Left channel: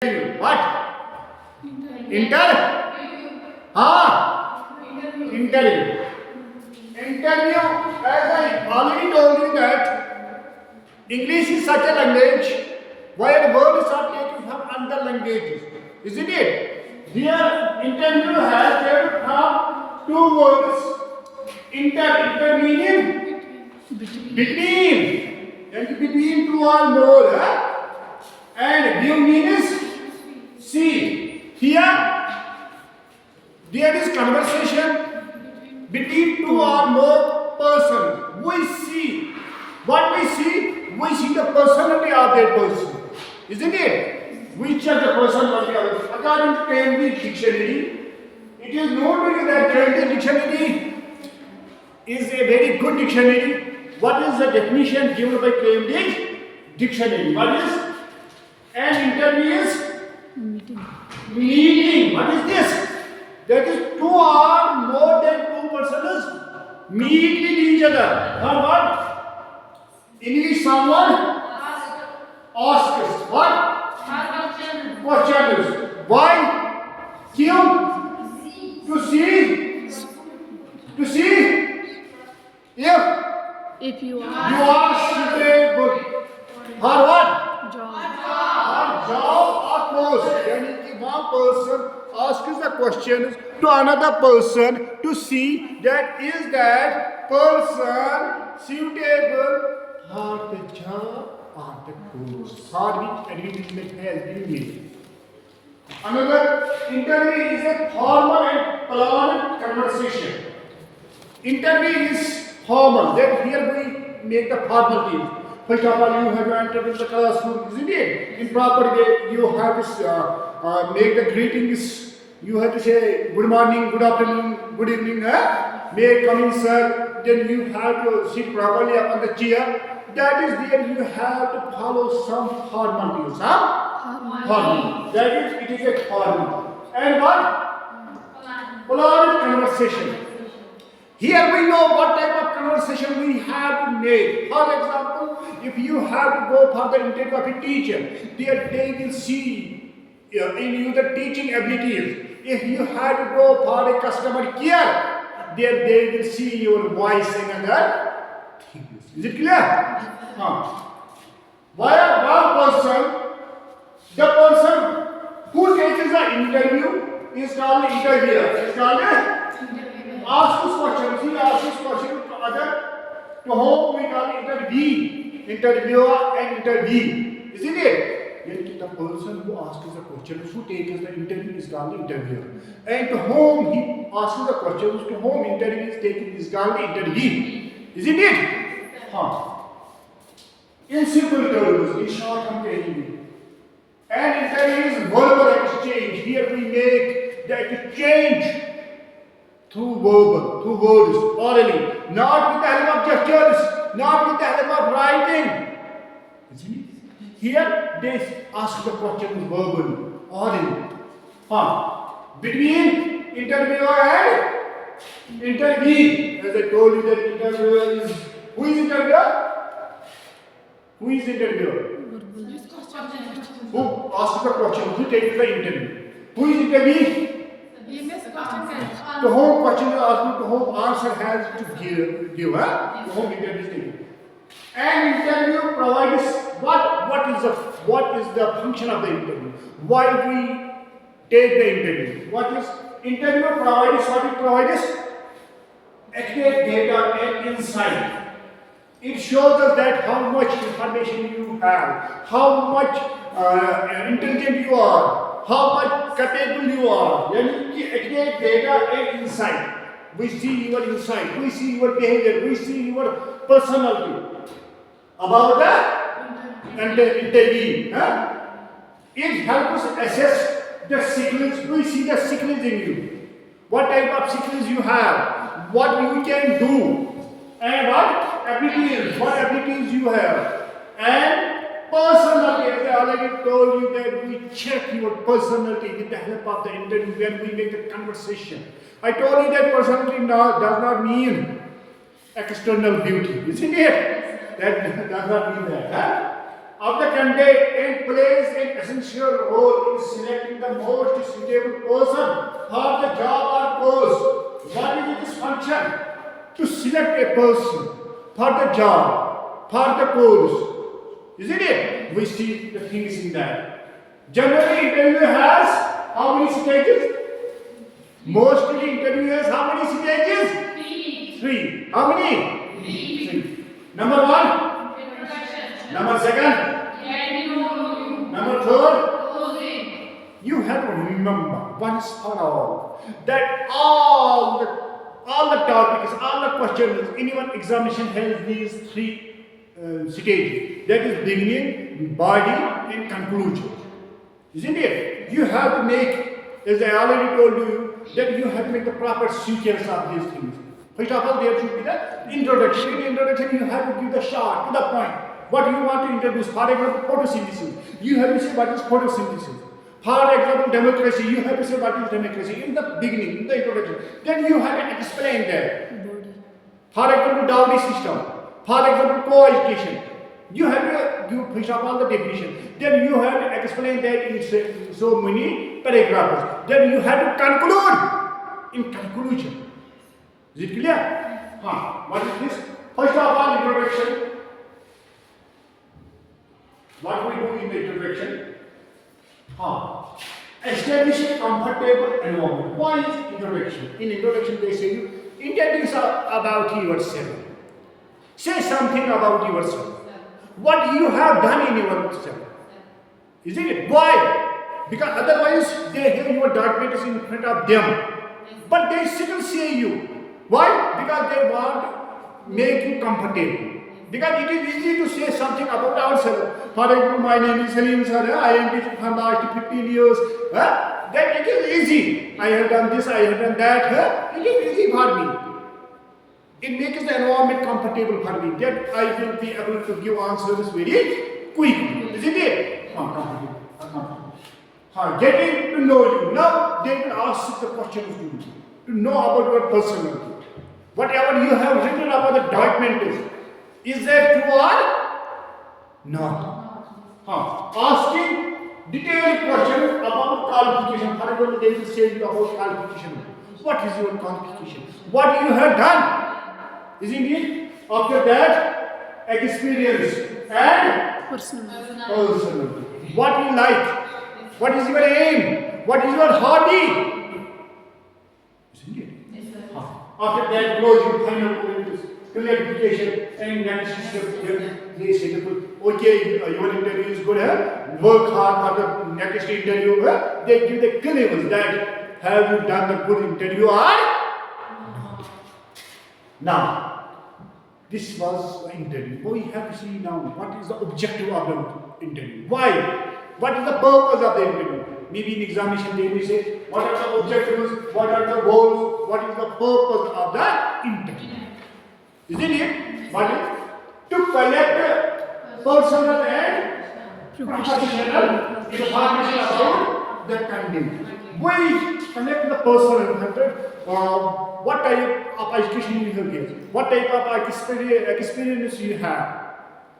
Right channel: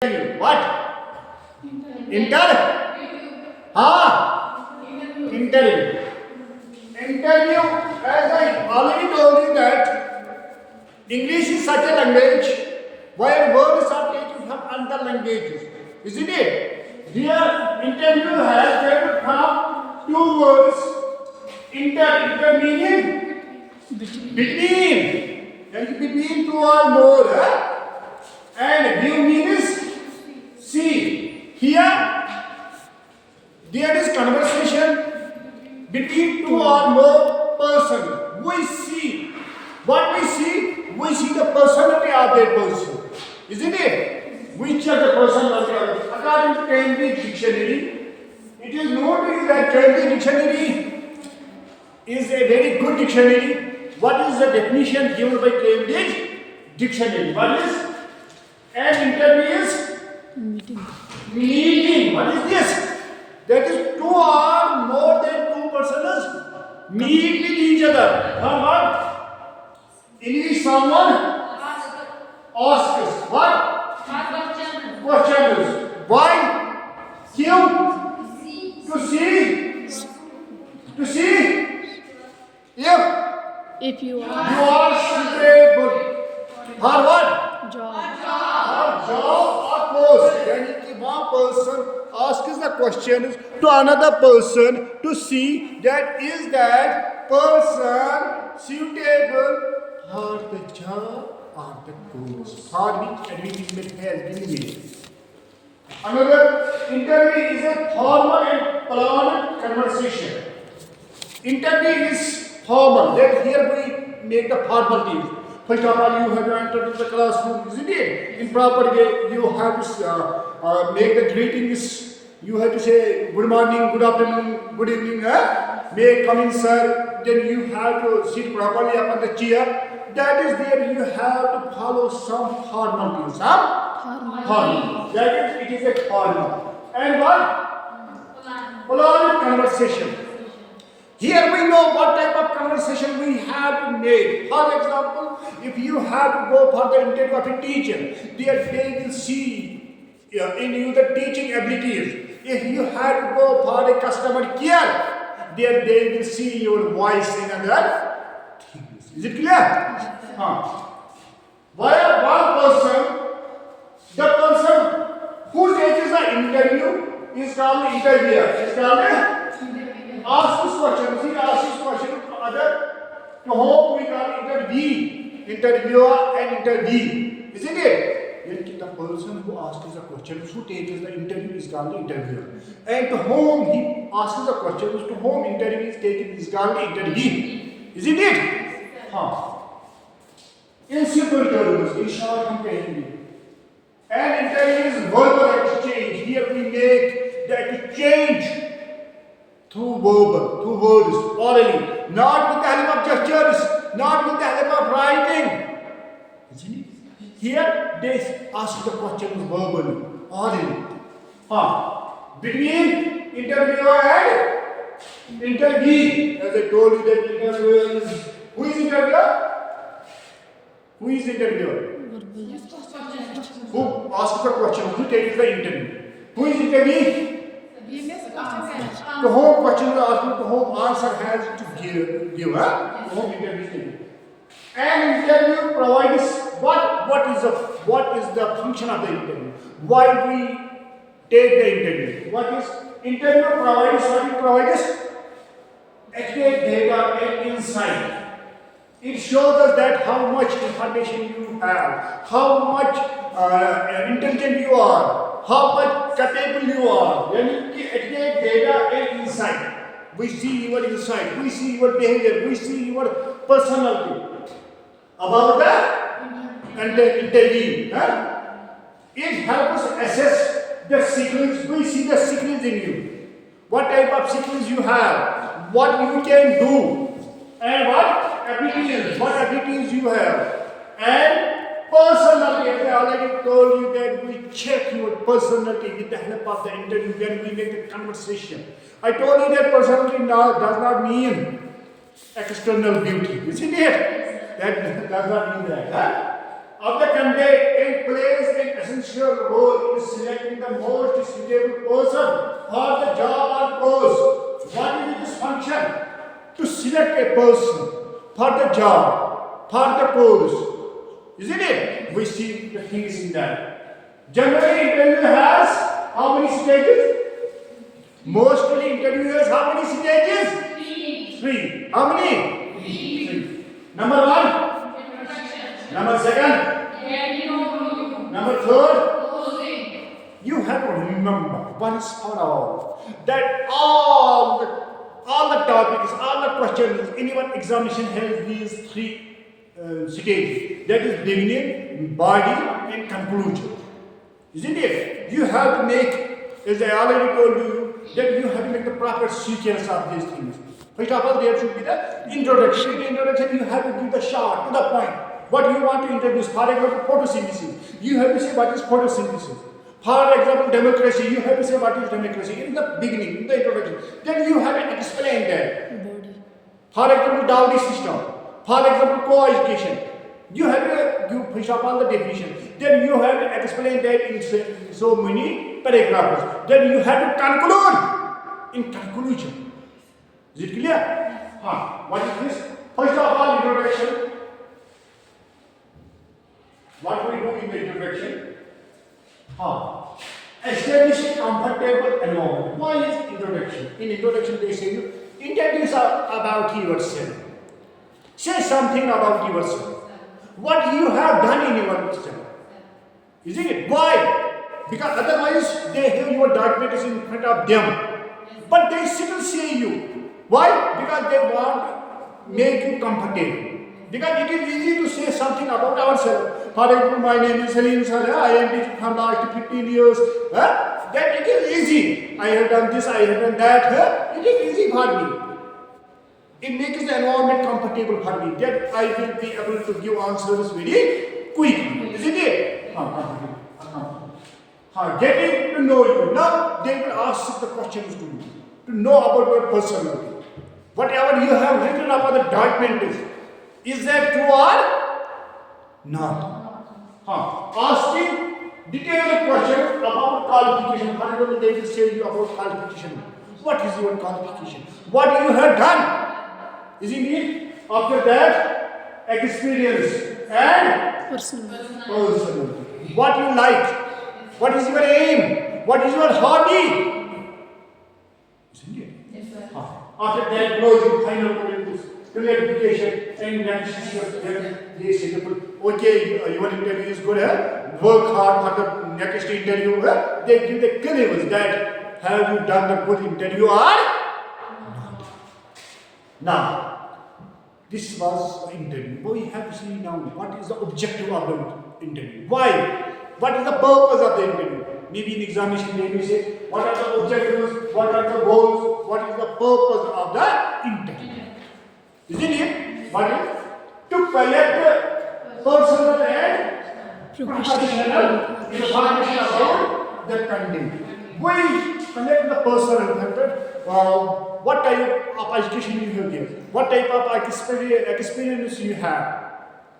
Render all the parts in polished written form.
Interview. What? Inter? Interview. Interview, as I already told you that English is such a language where words are taken from other languages. Isn't it? Here, interview has taken from two words. Inter meaning between. And between two or more. And view means see. Here, there is conversation between two or more persons. We see. What we see? We see the personality of that person. Isn't it? Which of the personality of it? According to Cambridge Dictionary, it is known to you that Cambridge Dictionary is a very good dictionary. What is the definition given by Cambridge Dictionary? What is? An interview is meeting. What is this? That is two or more than two persons meet with each other. For what? In which someone asks what? Questions. Why? To see if you you are suitable. For what? Job or post. यानी कि one person asks the questions to another person to see that is that person suitable for the job or the post for which advertisement has been made. Another interview is a formal and planned conversation. Interview is formal. That here we make the formalities. First of all, you have to enter into the classroom, isn't it? In proper way, you have to make the greetings. You have to say good morning, good afternoon, good evening. May come in, sir. Then you have to sit properly upon the chair. That is there. You have to follow some formalities. Formal. That is, it is a formal. And what? Planned conversation. Here we know what type of conversation we have to make. For example, if you have to go for the interview of a teacher, they will see in you the teaching abilities. If you have to go for a customer care, they will see your voice and other things. Is it clear? Why one person, the person who takes the interview is called interviewer. Is called ask this question. He asks this question to other, to whom we call interviewer and interviewee. Isn't it? Then the person who asks the questions, who takes the interview is called the interviewer. And to whom he asks the questions, to whom interview is taken is called the interviewee. Isn't it? In simple terms, in short comparison, an interview is verbal exchange. Here we make the exchange through words, orally, not with the help of gestures, not with the help of writing. Isn't it? Here they ask the questions verbally, orally. Between interviewer and interviewee, as I told you that interviewer is, who is interviewer? Who is interviewer? Who asks the question, who takes the interview? Who is interviewee? The whole question is asked, the whole answer has to give. The whole interview is taken. An interview provides what is the function of the interview? Why we take the interview? What is interview provides? What it provides? Accurate data and insight. It shows us that how much information you have, how much intelligent you are, how much capable you are. Accurate data and insight. We see your insight, we see your behavior, we see your personality about the interview. It helps us assess the skills. We see the skills in you. What type of skills you have, what you can do, and what abilities you have. And personality, as I already told you that we check your personality with the help of the interview when we make the conversation. I told you that personality does not mean external beauty, isn't it? That does not mean that. of the candidate and plays an essential role in selecting the most suitable person for the job or post. What is this function? To select a person for the job, for the course. Isn't it? We see the things in that. Generally, interview has how many stages? Mostly interview has how many stages? Three. How many? Three. Number one? Number second? Number third? You have to remember once for all that all the topics, all the questions in your examination has these three stages. That is beginning, body, and conclusion. Isn't it? You have to make, as I already told you, that you have to make the proper sequence of these things. First of all, there should be the introduction. In introduction, you have to give the short, to the point. What you want to introduce, for example, photosynthesis. You have to say what is photosynthesis. For example, democracy. You have to say what is democracy in the beginning, in the introduction. Then you have to explain that. For example, dowry system. For example, co-education. You have to give first of all the definition. Then you have to explain that in so many paragraphs. Then you have to conclude in conclusion. Is it clear? What is this? First of all, introduction. What we do in the introduction? Establish a comfortable environment. Why is introduction? In introduction, they say you introduce about yourself. Say something about yourself. What you have done in yourself. Isn't it? Why? Because otherwise they have your documents in front of them. But they still say you. Why? Because they want to make you comfortable. Because it is easy to say something about ourselves. For example, my name is Salim sir, I am teaching for last 15 years. That it is easy. I have done this, I have done that. It is easy for me. It makes the environment comfortable for me. That I will be able to give answers very quickly. Isn't it? Comfortable. Getting to know you. Now they will ask the questions to you. To know about your personality. Whatever you have written about the document is that true or not? Asking detailed questions about qualification. For example, they will say you about qualification. What is your qualification? What you have done? Isn't it? After that, experience and personality. What you like? What is your aim? What is your hobby? Isn't it? Yes, sir. After that, closing, final comments, clarification, and next they say, okay, your interview is good. Work hard for the next interview. They give the clues that have you done the good interview or not. Now, this was the interview. But we have to see now what is the objective of the interview. Why? What is the purpose of the interview? Maybe in examination they may say, what are the objectives, what are the goals, what is the purpose of the interview? Isn't it? What is? To collect personal and professional information about the candidate. We collect the personal factor. What type of education you have given, what type of experience you have.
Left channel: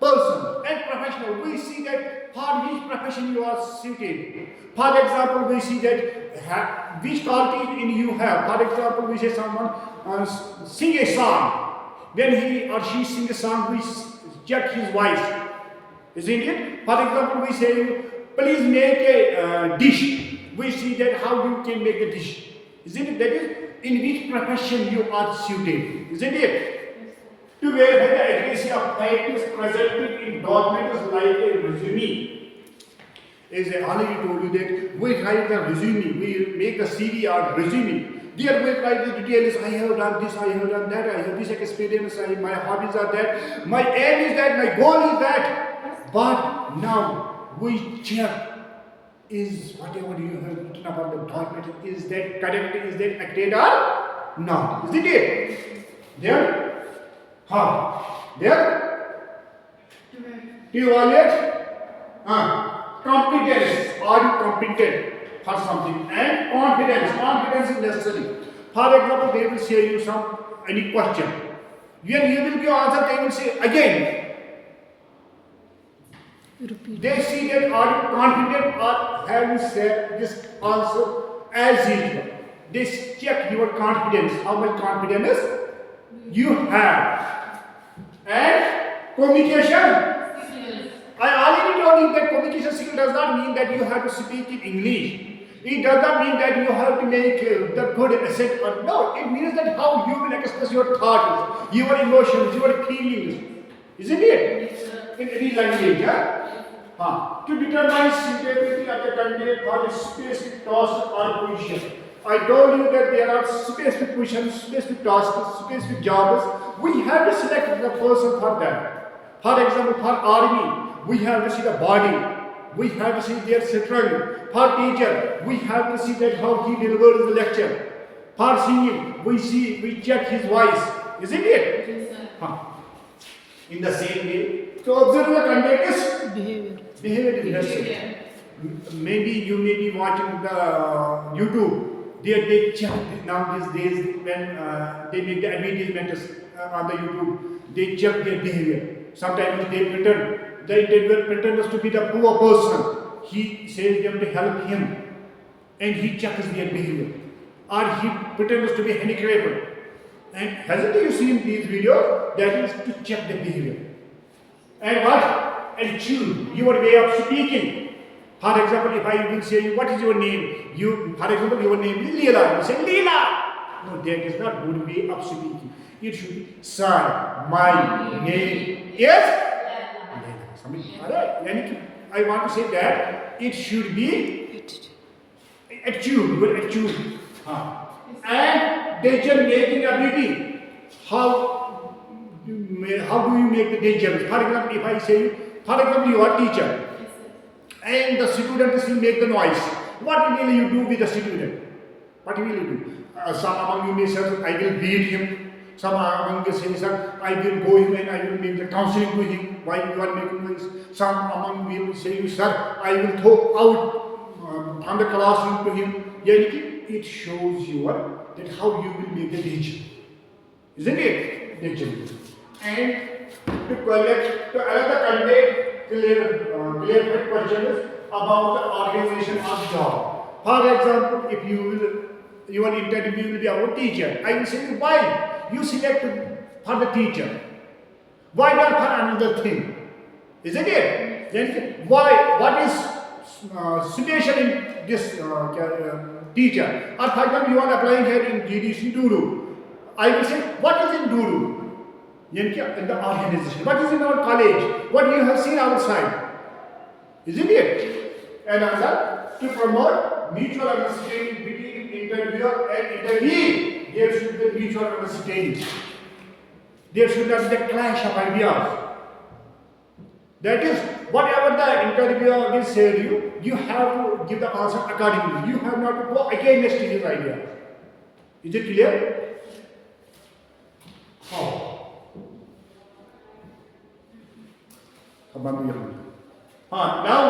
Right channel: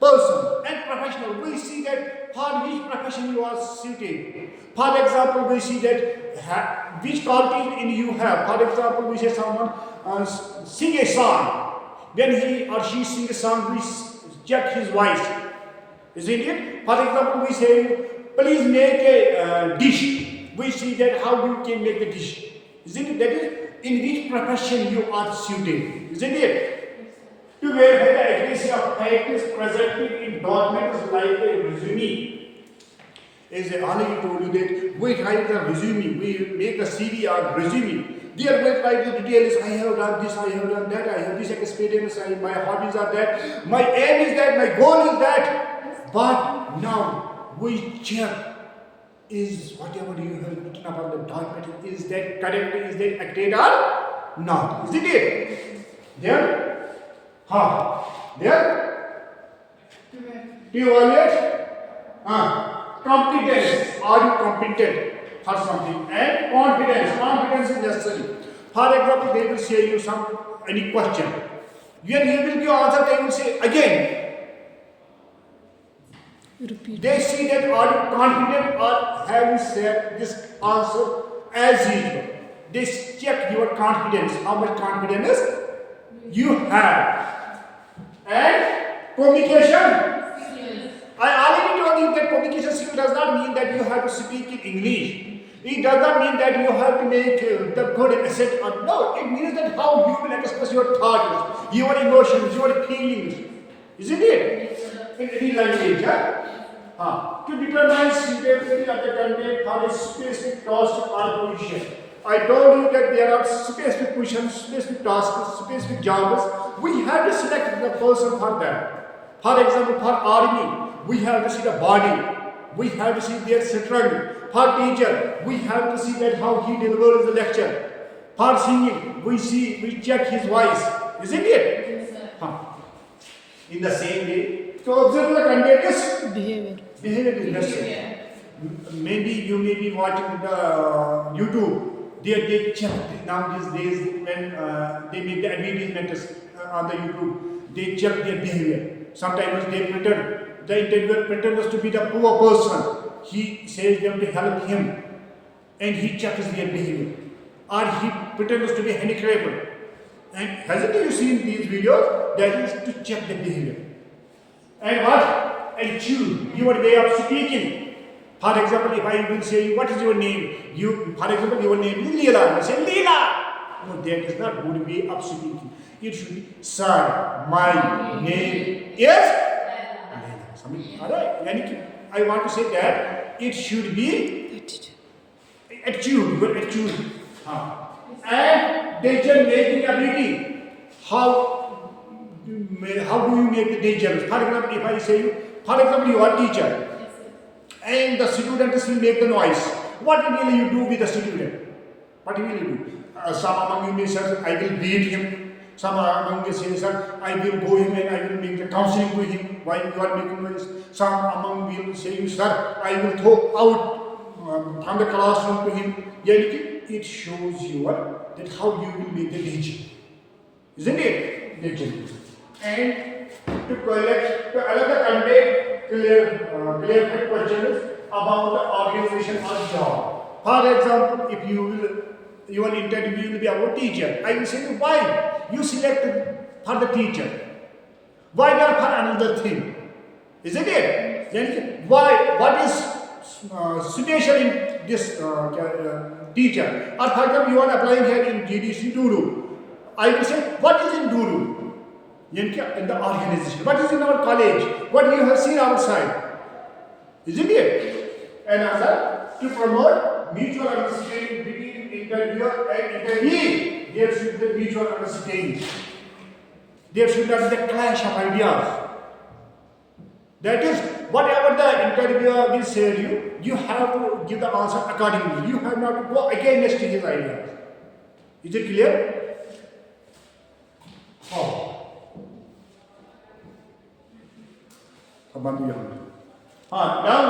Person and professional, we see that for which profession you are suited. For example, we see that which quality in you have. For example, we say someone sing a song. When he or she sings a song, we check his voice. Isn't it? For example, we say, please make a dish. We see that how you can make the dish. Isn't it? That is in which profession you are suited. Isn't it? To verify the accuracy of facts presented in documents like a resume. As I already told you that we write the resume, we make the CV or resume. There we write the details, I have done this, I have done that, I have this experience, my hobbies are that, my aim is that, my goal is that. But now we check, is whatever you have written about the document, is that correct, is that accurate or not? Isn't it? Then, there? To evaluate competence. Are you competent for something? And confidence. Confidence is necessary. For example, they will say you any question. When you will give answer, they will say again. They see that are you confident or have you said this answer as usual. They check your confidence, how much confidence you have. And communication. I already told you that communication skill does not mean that you have to speak in English. It does not mean that you have to make the good accent or no. It means that how you will express your thoughts, your emotions, your feelings. Isn't it? In any language, to determine suitability of the candidate for a specific task or position. I told you that there are specific positions, specific tasks, specific jobs. We have to select the person for that. For example, for army, we have to see the body. We have to see their strength. For teacher, we have to see that how he delivers the lecture. For singing, we check his voice. Isn't it? Yes, in the same way, to observe the candidate's behavior is necessary. Maybe you may be watching the YouTube. They check now these days when they make the advertisements on the YouTube. They check their behavior. Sometimes they pretend. The interviewer pretends to be the poor person. He says them to help him, and he checks their behavior. Or he pretends to be handicapped. And hasn't you seen these videos? That is to check the behavior. And what? And choose your way of speaking. For example, if I will say, what is your name? For example, your name is Leela. You say, Leela. No, that is not good way of speaking. It should be, sir, my name is Leela. Alright. I want to say that it should be attitude, your attitude. And decision making ability. How do you make the decisions? For example, if I say, for example, you are a teacher and the students will make the noise. What will you do with the student? What will you do? Some among you may say, I will beat him. Some among you say, sir, I will go him and I will make the counseling to him while you are making noise. Some among you will say, sir, I will throw out from the classroom to him. It shows you that how you will make the decision. Isn't it? Decision. And to collect another candidate clear questions about the organization of job. For example, if your interview will be about teacher, I will say why you selected for the teacher. Why not for another thing? Isn't it? Then why? What is situation in this teacher? Or for example, you are applying here in GDC Duru. I will say, what is in Duru? In the organization. What is in our college? What you have seen outside? Isn't it? And another, to promote mutual understanding between interviewer and interviewee, there should be mutual understanding. There should not be the clash of ideas. That is, whatever the interviewer will say to you have to give the answer accordingly. You have not to go against his ideas. Is it clear? Oh. Now